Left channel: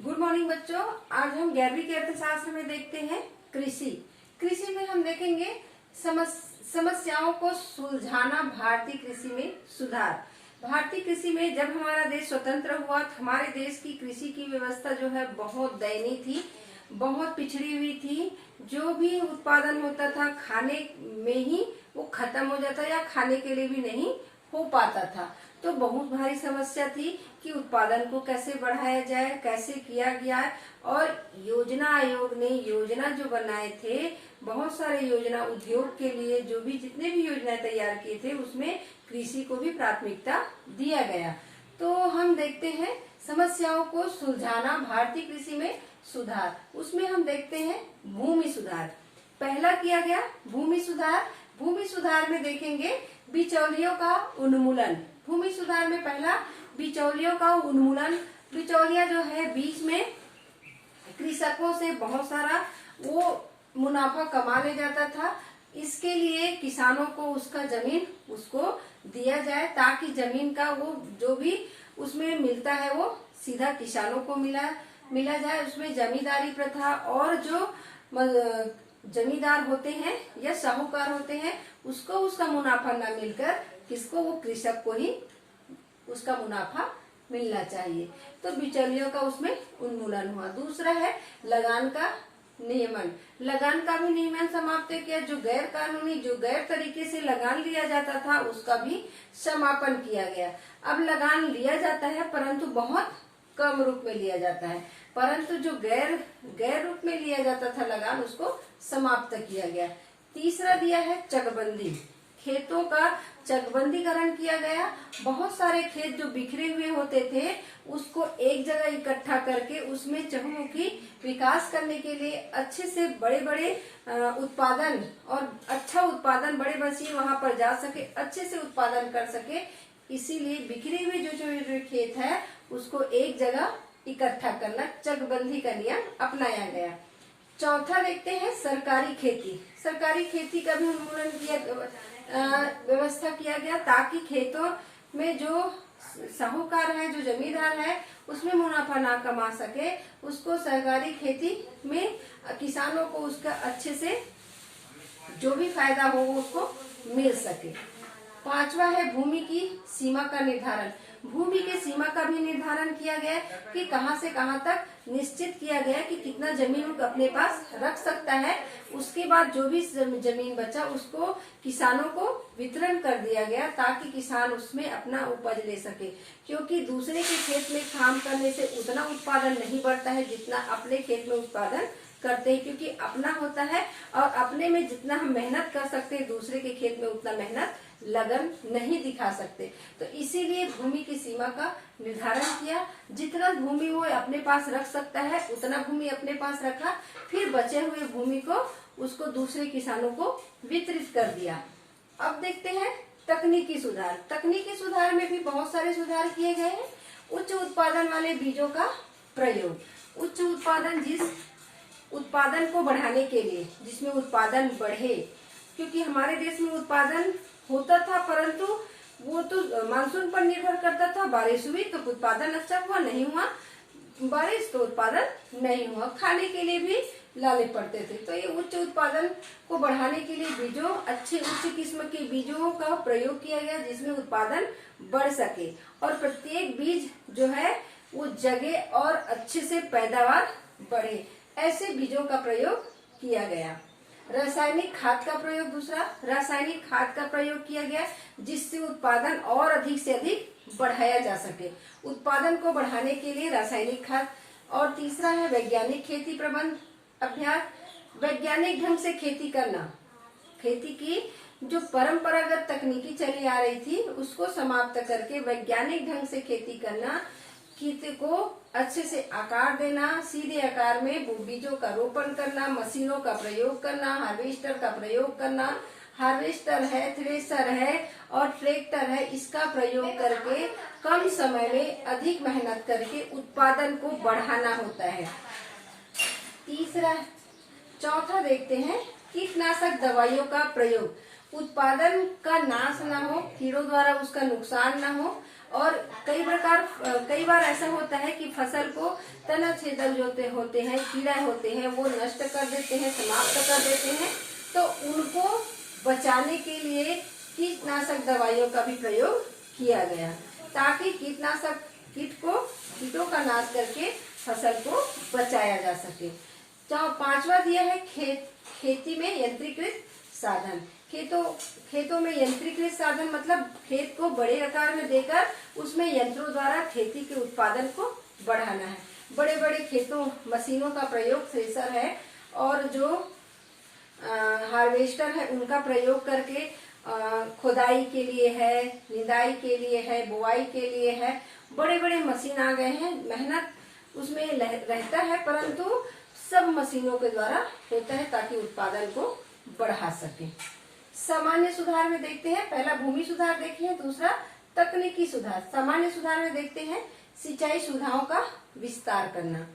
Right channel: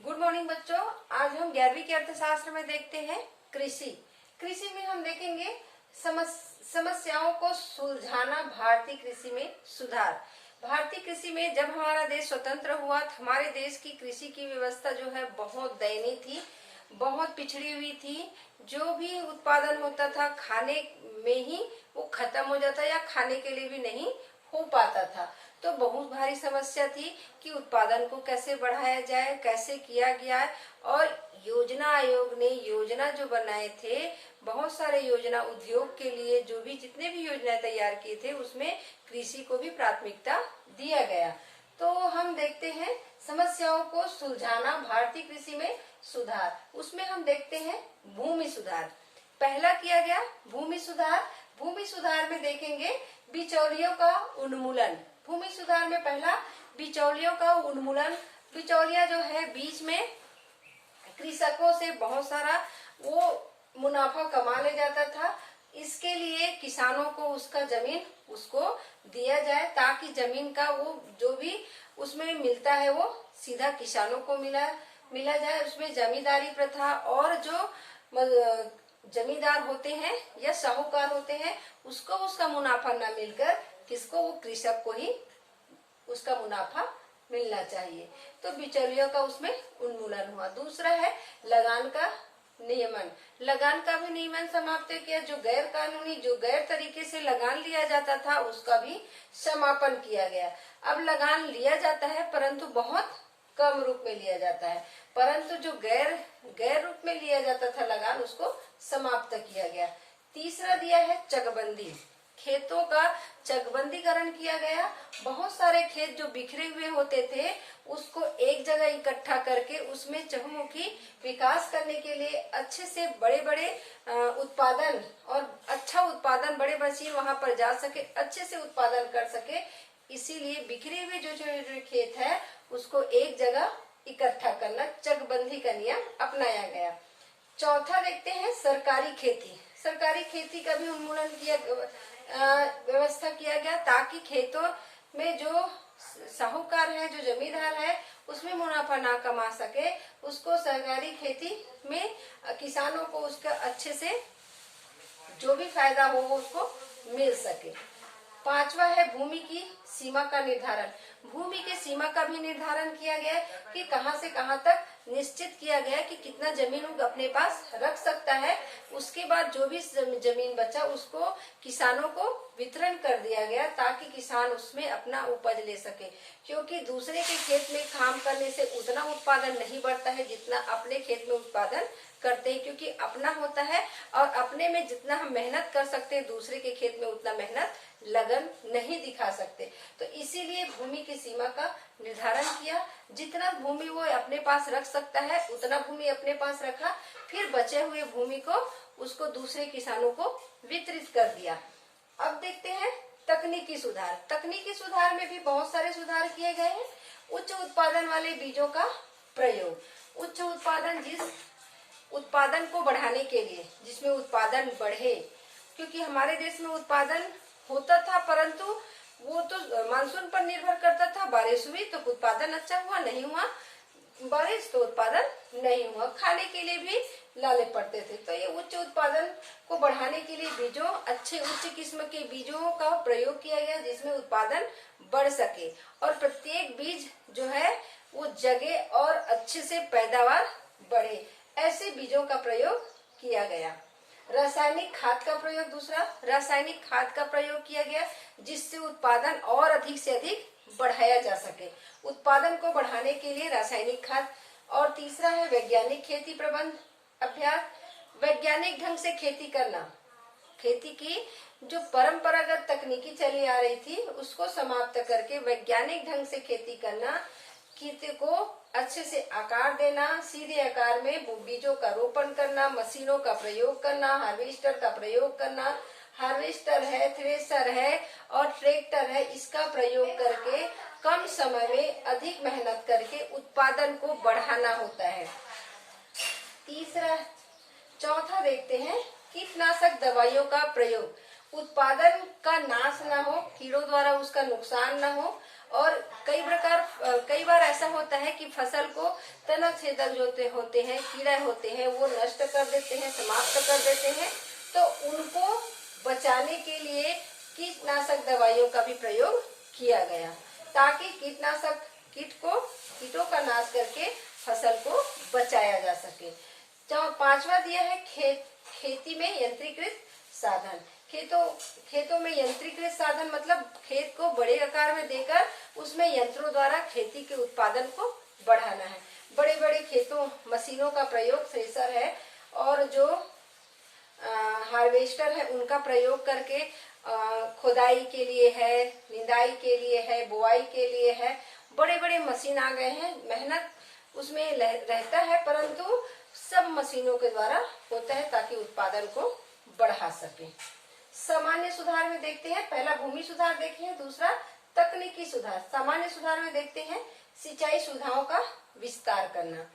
Good morning बच्चों। आज हम 11वीं के अर्थशास्त्र में देखते हैं कृषि। कृषि में हम देखेंगे समस्याओं को सुलझाना, भारतीय कृषि में सुधार। भारतीय कृषि में जब हमारा देश स्वतंत्र हुआ तो हमारे देश की कृषि की व्यवस्था जो है बहुत दयनीय थी, बहुत पिछड़ी हुई थी। जो भी उत्पादन होता था खाने में ही वो खत्म हो जाता या खाने के लिए भी नहीं हो पाता था। तो बहुत भारी समस्या थी कि उत्पादन को कैसे बढ़ाया जाए, कैसे किया गया। और योजना आयोग ने योजना जो बनाए थे, बहुत सारे योजना उद्योग के लिए जो भी जितने भी योजनाएं तैयार किए थे उसमें कृषि को भी प्राथमिकता दिया गया। तो हम देखते हैं समस्याओं को सुलझाना, भारतीय कृषि में सुधार। उसमें हम देखते हैं भूमि सुधार। पहला किया गया भूमि सुधार। भूमि सुधार में देखेंगे बिचौलियों का उन्मूलन। भूमि सुधार में पहला बिचौलियों का उन्मूलन। बिचौलिया जो है बीच में कृषकों से बहुत सारा वो मुनाफा कमा ले जाता था। इसके लिए किसानों को उसका जमीन उसको दिया जाए ताकि जमीन का वो जो भी उसमें मिलता है वो सीधा किसानों को मिला जाए। उसमें जमींदारी प्रथा और जो जमींदार होते हैं या साहूकार होते हैं उसको उसका मुनाफा न मिलकर किसको, वो कृषक को ही उसका मुनाफा मिलना चाहिए। तो बिचौलियों का उसमें उन्मूलन हुआ। दूसरा है लगान का नियमन। लगान का भी नियमन समाप्त किया। जो गैर कानूनी, जो गैर तरीके से लगान लिया जाता था उसका भी समापन किया गया। अब लगान लिया जाता है परंतु बहुत कम रूप में लिया जाता है, परंतु जो गैर रूप में लिया जाता था लगान उसको समाप्त किया गया। तीसरा दिया है चकबंदी। खेतों का चकबंदीकरण किया गया। बहुत सारे खेत जो बिखरे हुए होते थे उसको एक जगह इकट्ठा करके उसमें चहुमुखी विकास करने के लिए अच्छे से बड़े बड़े उत्पादन और अच्छा उत्पादन, बड़े मशीन वहां पर जा सके, अच्छे से उत्पादन कर सके। इसीलिए बिखरे हुए जो खेत है उसको एक जगह इकट्ठा करना, चकबंदी का नियम अपनाया गया। चौथा देखते हैं सरकारी खेती। सरकारी खेती का भी उन्मूलन किया, व्यवस्था किया गया ताकि खेतों में जो साहूकार है, जो जमींदार है उसमें मुनाफा ना कमा सके, उसको सरकारी खेती में किसानों को उसका अच्छे से जो भी फायदा हो वो उसको मिल सके। पांचवा है भूमि की सीमा का निर्धारण। भूमि की सीमा का भी निर्धारण किया गया कि कहां से कहां तक निश्चित किया गया कि कितना जमीन वो अपने पास रख सकता है। उसके बाद जो भी जमीन बचा उसको किसानों को वितरण कर दिया गया ताकि किसान उसमें अपना उपज ले सके। क्योंकि दूसरे के खेत में काम करने से उतना उत्पादन नहीं बढ़ता है जितना अपने खेत में उत्पादन करते हैं, क्योंकि अपना होता है और अपने में जितना हम मेहनत कर सकते हैं दूसरे के खेत में उतना मेहनत लगन नहीं दिखा सकते। तो इसीलिए भूमि की सीमा का निर्धारण किया। जितना भूमि वो अपने पास रख सकता है उतना भूमि अपने पास रखा, फिर बचे हुए भूमि को उसको दूसरे किसानों को वितरित कर दिया। अब देखते हैं तकनीकी सुधार। तकनीकी सुधार में भी बहुत सारे सुधार किए गए हैं। उच्च उत्पादन वाले बीजों का प्रयोग। उच्च उत्पादन, जिस उत्पादन को बढ़ाने के लिए, जिसमें उत्पादन बढ़े, क्योंकि हमारे देश में उत्पादन होता था परंतु वो तो मानसून पर निर्भर करता था। बारिश हुई तो उत्पादन अच्छा हुआ, नहीं हुआ बारिश तो उत्पादन नहीं हुआ। खाने के लिए भी लाले पड़ते थे। तो ये उच्च उत्पादन को बढ़ाने के लिए बीजों, अच्छे उच्च किस्म के बीजों का प्रयोग किया गया जिसमें उत्पादन बढ़ सके और प्रत्येक बीज जो है वो जगे और अच्छे से पैदावार बढ़े, ऐसे बीजों का प्रयोग किया गया। रासायनिक खाद का प्रयोग। दूसरा, रासायनिक खाद का प्रयोग किया गया जिससे उत्पादन और अधिक से अधिक बढ़ाया जा सके। उत्पादन को बढ़ाने के लिए रासायनिक खाद। और तीसरा है वैज्ञानिक खेती प्रबंध अभ्यास। वैज्ञानिक ढंग से खेती करना। खेती की जो परंपरागत तकनीकी चली आ रही थी उसको समाप्त करके वैज्ञानिक ढंग से खेती करना। खेत को अच्छे से आकार देना, सीधे आकार में बीजों का रोपण करना, मशीनों का प्रयोग करना, हार्वेस्टर का प्रयोग करना। हार्वेस्टर है, थ्रेशर है और ट्रैक्टर है, इसका प्रयोग करके कम समय में अधिक मेहनत करके उत्पादन को बढ़ाना होता है। चौथा देखते हैं कीटनाशक दवाइयों का प्रयोग। उत्पादन का नाश ना हो, कीड़ों द्वारा उसका नुकसान ना हो। और कई बार ऐसा होता है कि फसल को तना छेदक जो होते हैं, कीड़ा होते हैं, वो नष्ट कर देते हैं, समाप्त कर देते हैं। तो उनको बचाने के लिए कीटनाशक दवाइयों का भी प्रयोग किया गया, ताकि कीटों का नाश करके फसल को बचाया जा सके। पांचवा दिया है खेती में यंत्रीकृत साधन। खेतों में यंत्रीकृत साधन मतलब खेत को बड़े आकार में देकर उसमें यंत्रों द्वारा खेती के उत्पादन को बढ़ाना है। बड़े बड़े खेतों मशीनों का प्रयोग, थ्रेसर है और जो हार्वेस्टर है, उनका प्रयोग करके खुदाई के लिए है, निदाई के लिए है, बुआई के लिए है, बड़े बड़े मशीन आ गए हैं। मेहनत उसमें रहता है, परंतु सब मशीनों के द्वारा होता है ताकि उत्पादन को बढ़ा सके। सामान्य सुधार में देखते हैं, पहला भूमि सुधार देखे हैं, दूसरा तकनीकी सुधार। सामान्य सुधार में देखते हैं सिंचाई सुविधाओं का विस्तार करना।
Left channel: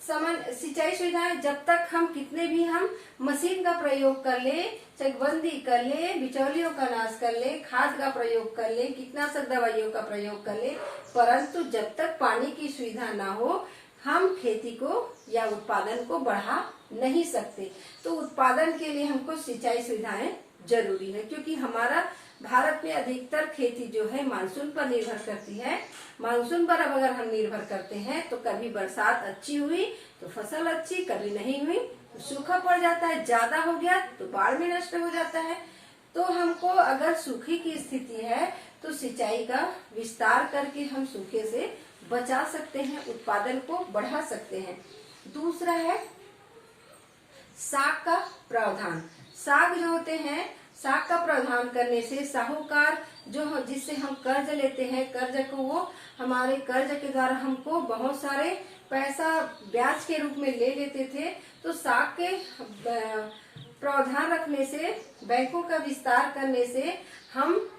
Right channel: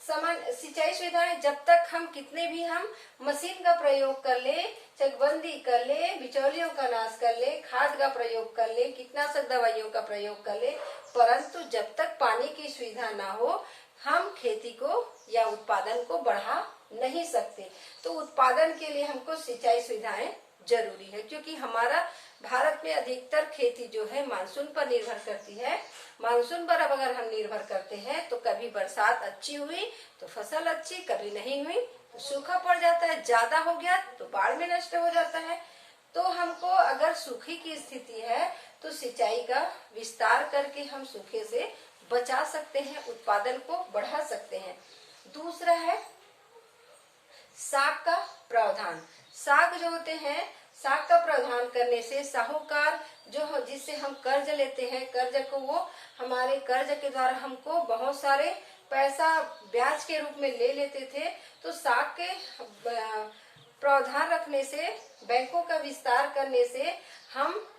सिंचाई सुविधाएं जब तक हम कितने भी हम मशीन का प्रयोग कर ले, चकबंदी कर ले, बिचौलियों का नाश कर ले, खाद का प्रयोग कर ले, कीटनाशक दवाइयों का प्रयोग कर ले, परंतु जब तक पानी की सुविधा ना हो हम खेती को या उत्पादन को बढ़ा नहीं सकते। तो उत्पादन के लिए हमको सिंचाई सुविधाएं जरूरी है, क्योंकि हमारा भारत में अधिकतर खेती जो है मानसून पर निर्भर करती है। मानसून पर अब अगर हम निर्भर करते हैं तो कभी बरसात अच्छी हुई तो फसल अच्छी, कभी नहीं हुई तो सूखा पड़ जाता है, ज्यादा हो गया तो बाढ़ में नष्ट हो जाता है। तो हमको अगर सूखे की स्थिति है तो सिंचाई का विस्तार करके हम सूखे से बचा सकते हैं, उत्पादन को बढ़ा सकते हैं। दूसरा है साख का प्रावधान। साख जो होते हैं, साख का प्रावधान करने से साहूकार जिससे हम कर्ज लेते हैं, कर्ज को वो हमारे कर्ज के द्वारा हमको बहुत सारे पैसा ब्याज के रूप में ले लेते थे। तो साख के प्रावधान रखने से, बैंकों का विस्तार करने से हम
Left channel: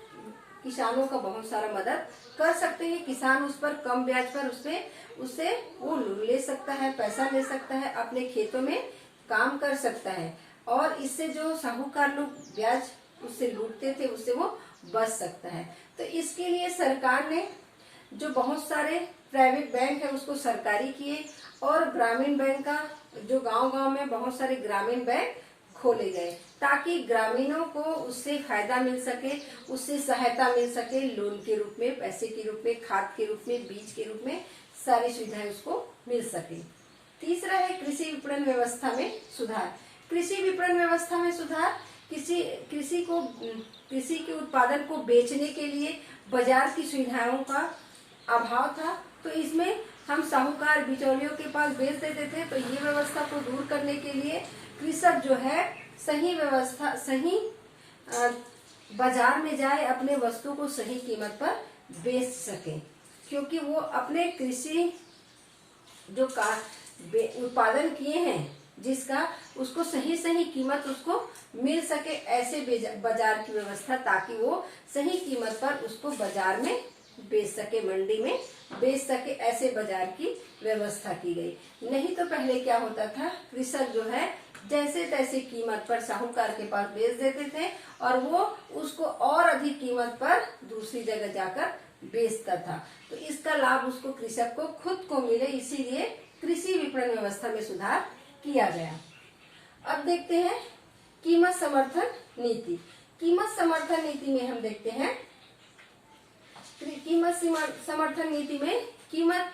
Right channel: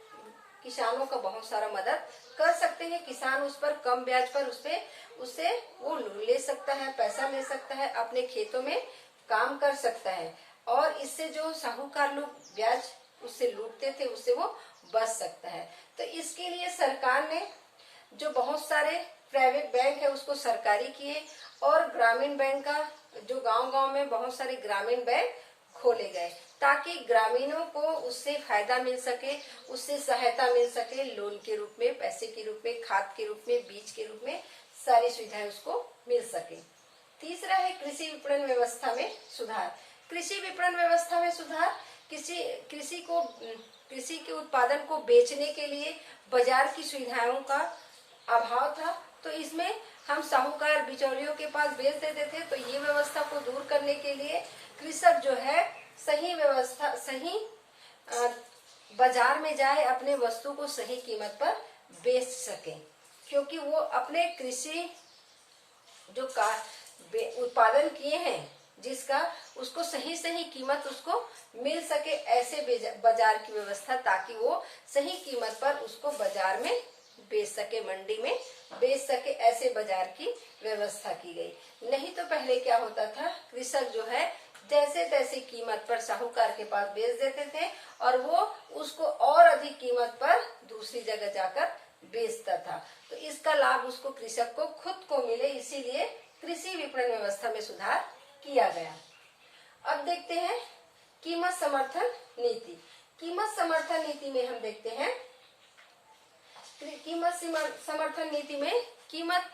किसानों का बहुत सारा मदद कर सकते हैं। किसान उस पर कम ब्याज पर उससे वो लोन ले सकता है, पैसा ले सकता है, अपने खेतों में काम कर सकता है और इससे जो साहूकार लोग ब्याज उससे लूटते थे उससे वो बच सकता है। तो इसके लिए सरकार ने जो बहुत सारे प्राइवेट बैंक है उसको सरकारी किए और ग्रामीण बैंक का जो गांव-गांव में बहुत सारे ग्रामीण बैंक खोले गए, ताकि ग्रामीणों को उससे फायदा मिल सके, उससे सहायता मिल सके, लोन के रूप में, पैसे के रूप में, खाद के रूप में, बीज के रूप में, सारी सुविधाएं उसको मिल सके। तीसरा है कृषि विपणन व्यवस्था में सुधार। कृषि विपणन व्यवस्था में सुधार, कृषि के उत्पादन को बेचने के लिए बाजार की सुविधाओं का अभाव था। तो इसमें हम साहूकार बिचौलियों के पास बेच देते थे। तो ये व्यवस्था को दूर करने के लिए कृषक जो है सही बाजार में जाए, अपने वस्तु को सही कीमत पर बेच सके, क्योंकि वो अपने कृषि जो उत्पादन किए हैं जिसका उसको सही कीमत उसको मिल सके, ऐसे बाजार की व्यवस्था, ताकि वो सही कीमत पर उसको बाजार में बेच सके, मंडी में बेच सके, ऐसे बाजार की व्यवस्था की गई। नहीं तो पहले क्या होता था, कृषक जो है जैसे तैसे कीमत पर साहूकार के पास बेच देते थे और वो उसको और अधिक कीमत पर दूसरी जगह जाकर बेचता था। तो इसका लाभ उसको कृषक को खुद को मिले, इसीलिए कृषि विपणन व्यवस्था में सुधार किया गया। अब देखते हैं कीमत समर्थन नीति। कीमत समर्थन नीति में हम देखते हैं कीमत समर्थन नीति में कीमत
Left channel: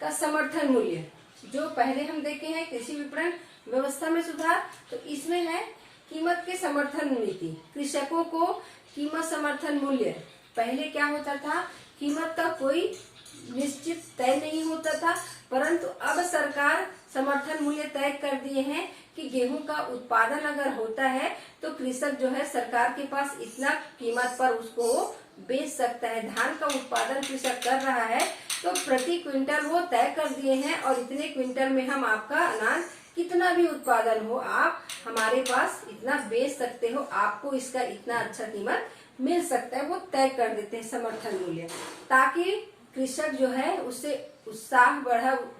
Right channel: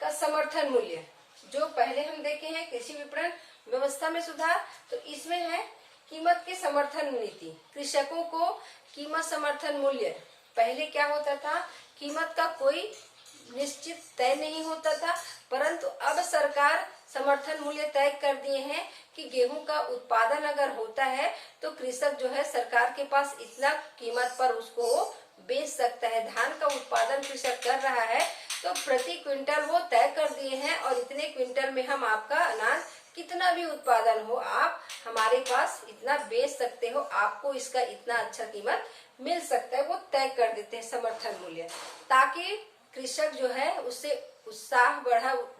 का समर्थन मूल्य जो पहले हम देखे हैं कृषि विपणन व्यवस्था में सुधार, तो इसमें है कीमत के समर्थन नीति। कृषकों को कीमत समर्थन मूल्य, पहले क्या होता था, कीमत का कोई निश्चित तय नहीं होता था, परंतु अब सरकार समर्थन मूल्य तय कर दिए हैं कि गेहूं का उत्पादन अगर होता है तो कृषक जो है सरकार के पास इतना कीमत पर उसको बेच सकता है। धान का उत्पादन कृषक कर रहा है तो प्रति क्विंटल वो तय कर दिए हैं और इतने क्विंटल में हम आपका अनाज कितना भी उत्पादन हो आप हमारे पास इतना बेच सकते हो, आपको इसका इतना अच्छा कीमत मिल सकता है, वो तय कर देते हैं समर्थन मूल्य, ताकि कृषक जो है उससे उत्साह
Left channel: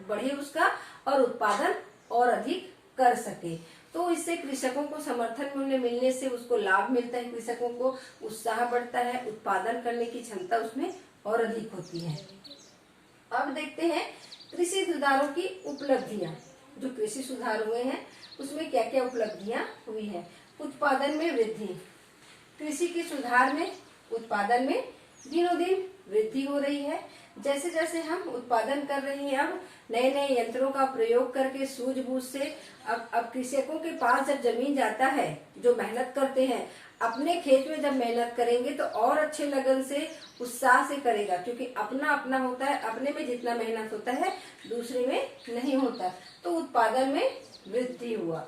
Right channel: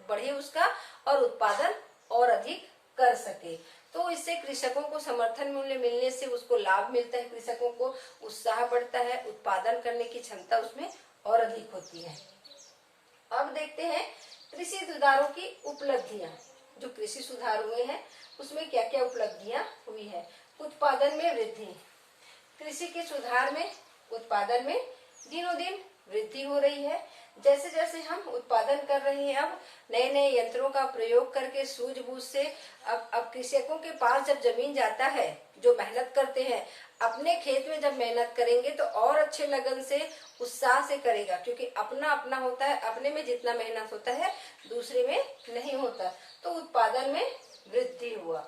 बढ़े उसका और उत्पादन और अधिक कर सके। तो इससे कृषकों को समर्थन मूल्य मिलने से उसको लाभ मिलता है, कृषकों को उत्साह बढ़ता है, उत्पादन करने की क्षमता उसमें और अधिक होती है। अब देखते हैं कृषि सुधारों की उपलब्धियां, जो कृषि सुधार हुए हैं उसमें क्या क्या उपलब्धियां हुई है। उत्पादन में वृद्धि, कृषि के सुधार में उत्पादन में दिनों दिन वृद्धि हो रही है। जैसे जैसे हम उत्पादन कर रहे हैं, अब नए नए यंत्रों का प्रयोग करके सूझबूझ से अब कृषकों के पास जब जमीन जाता है, जो मेहनत करते हैं अपने खेत में जब मेहनत करेंगे तो और अच्छे लगन से उत्साह से करेगा, क्योंकि अपना अपना होता है, अपने में जितना मेहनत होता है दूसरे में नहीं होता। तो उत्पादन में वृद्धि हुआ।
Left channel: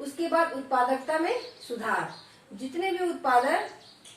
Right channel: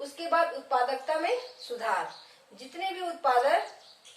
उसके बाद उत्पादकता में सुधार, जितने भी उत्पादन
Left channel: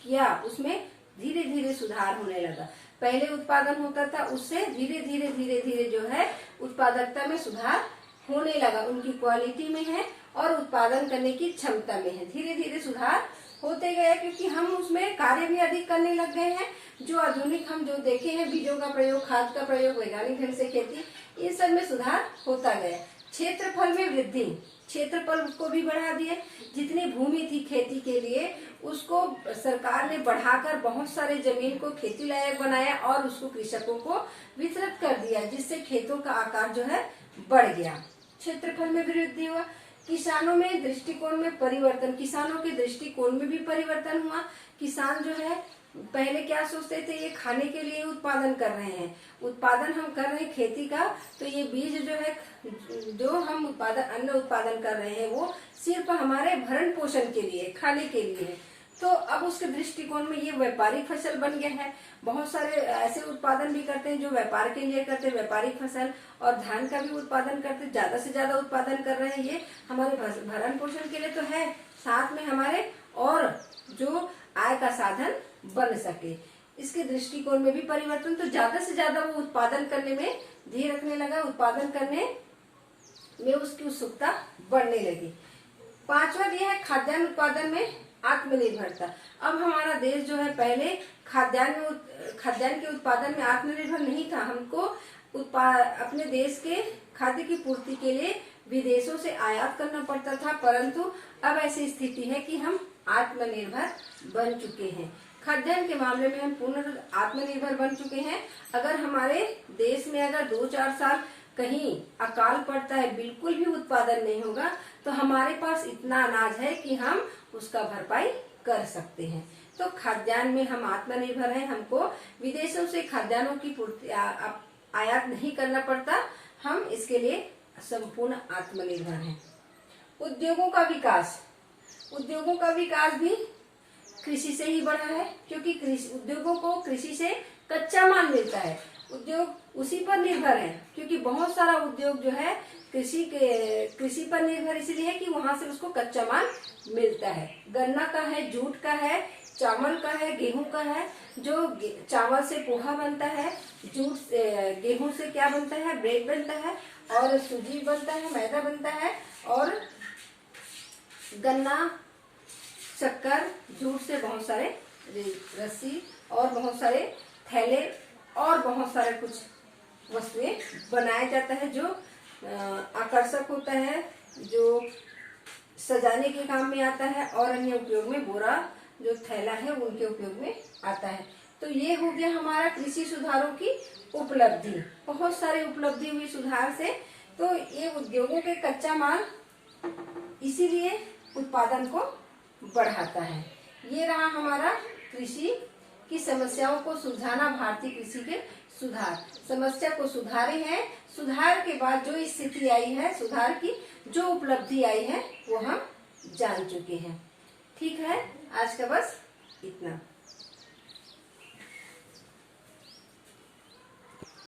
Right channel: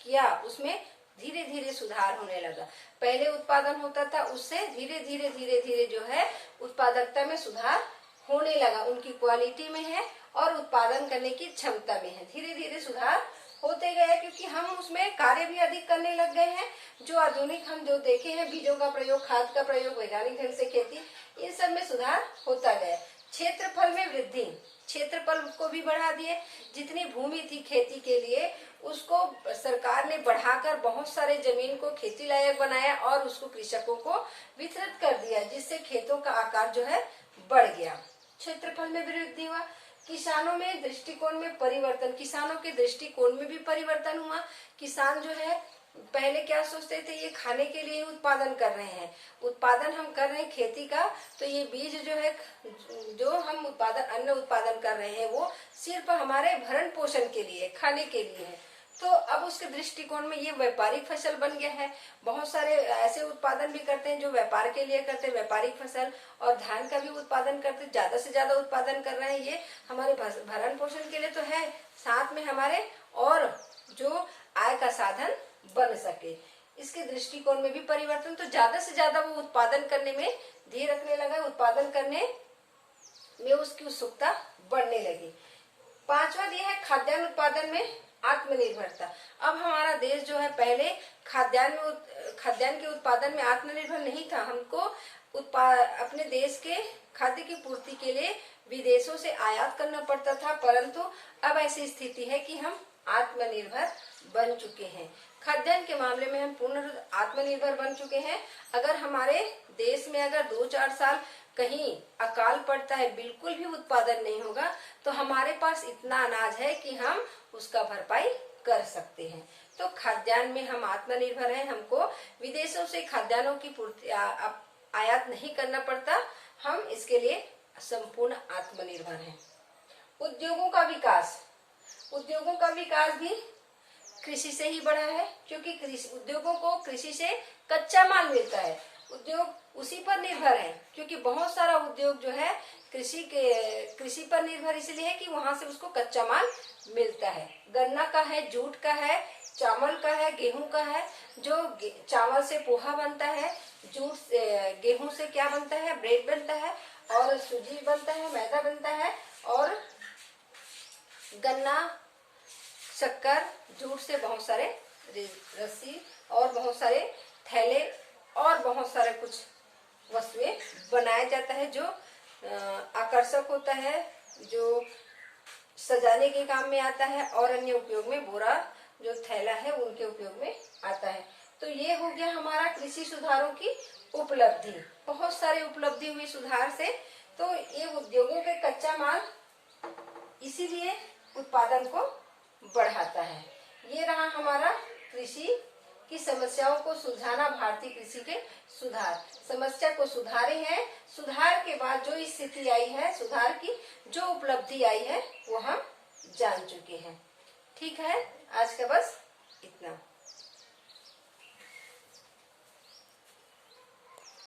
किया उसमें धीरे धीरे सुधार होने लगा। पहले उत्पादन होता था, उससे धीरे धीरे धीरे धीरे जो है उत्पादकता में सुधार होने लगा। उनकी क्वालिटी में है और उत्पादन करने की क्षमता में है, धीरे धीरे सुधार होते गए, क्योंकि हम उसमें कार्य भी अधिक करने लग गए हैं। जो आधुनिक हम जो देखे हैं, बीजों का प्रयोग, खाद का प्रयोग, वैज्ञानिक ढंग से खेती, इन सब में सुधार होता गया। क्षेत्रफल में वृद्धि, क्षेत्रफल को भी बढ़ा दिए। जितनी भूमि थी खेती के लिए उसको सरकार ने बढ़ाकर बहुत सारे जमीन को खेती लायक बनाया और उसको कृषकों को वितरित कर दिया, जिससे खेतों का आकार जो है बढ़ गया। क्षेत्रफल में वृद्धि हुआ। किसानों में दृष्टिकोण में परिवर्तन, किसानों के दृष्टिकोण में भी परिवर्तन हुआ। किसान जो है पहले क्या सोचते थे, ये खाने के लिए उत्पादन कर रहे हैं, उत्पादन हम कर रहे हैं खेती का, तो ये बीज जो है, जो हम उत्पादन, अन्न उत्पादन कर रहे हैं वो सिर्फ हमारे भरण पोषण के लिए, खाने के लिए है। तो अब उसके दृष्टिकोण में ये व्यापारिक फसल बन गया है। बहुत सारे ऐसे उत्पादन भी करते हैं जो व्यापार के लिए करते हैं, व्यापारिक फसल, और धान का भी उत्पादन करते हैं, ज्यादा से ज्यादा उत्पादन कर रहे हैं। ये हमारे भरण पोषण के लिए तो है, साथ में हमारे और जो आय का साधन बन सके, इसके दृष्टिकोण में भी परिवर्तन। तो ज्यादा से ज्यादा वो उत्पादन करने में धीरे रखने लगा, उत्पादन करने में उसकी उत्सुकता बढ़ने लगी। पांचवा यह है खाद्यान्न उत्पादन में आत्मनिर्भरता। अब हमारा देश जो है पहले खाद्यान्न के उत्पादन में आत्मनिर्भर नहीं था। हमको अपने देश के खाद्य की पूर्ति के लिए विदेशों से आयात करना पड़ता था, परंतु अब ऐसी स्थिति है कि हम आत्मनिर्भर बन चुके हैं। खाद्यान्न के मामले में हम पूर्ण आत्मनिर्भर बन चुके हैं। अगर हमारे देश में अगर 2-4 साल कहीं अकाल पड़ता है, बिल्कुल भी उत्पादन नहीं होगा, तो हमारे पास इतना अनाज है कि हम उसका भरपाई कर सकते हैं। तो खाद्यान्न में हम आत्मनिर्भर हैं, हमको विदेशों से खाद्यान्नों की पूर्ति आयात नहीं करना पड़ता, हम इसके लिए संपूर्ण आत्मनिर्भर हैं। उद्योगों का विकास, उद्योगों का विकास भी कृषि से ही बढ़ा है, क्योंकि उद्योगों को कृषि से कच्चा माल मिलता है, उद्योग उसी पर निर्भर है। क्योंकि बहुत सारा उद्योग जो है कृषि पर निर्भर इसलिए है कि वहां से उसको कच्चा माल मिलता है। गन्ना का है, जूट का है, चावल का है, गेहूं का है। जो चावल से पोहा बनता है, जूट से, गेहूं से क्या बनता है, ब्रेड बनता है, और सूजी बनता है, मैदा बनता है, और गन्ना, शक्कर, जूट से बहुत सारे रस्सी और बहुत सारे थैले और बहुत सारे कुछ वस्तुएं बनाया जाता है, जो आकर्षक होता है, जो सजाने के काम में आता है, और अन्य उपयोग में बोरा जो थैला है उनके उपयोग में आता है। तो ये हो गया हमारा कृषि सुधारों की उपलब्धि। बहुत सारी उपलब्धि हुई सुधार से। तो ये उद्योगों के कच्चा माल इसीलिए उत्पादन को बढ़ाता है। ये रहा हमारा कृषि की समस्याओं को सुलझाना, भारतीय कृषि के सुधार। समस्या को सुधारे हैं, सुधार के बाद जो स्थिति आई है, सुधार की जो उपलब्धि आई है वो हम जान चुके हैं। ठीक है, आज का बस इतना।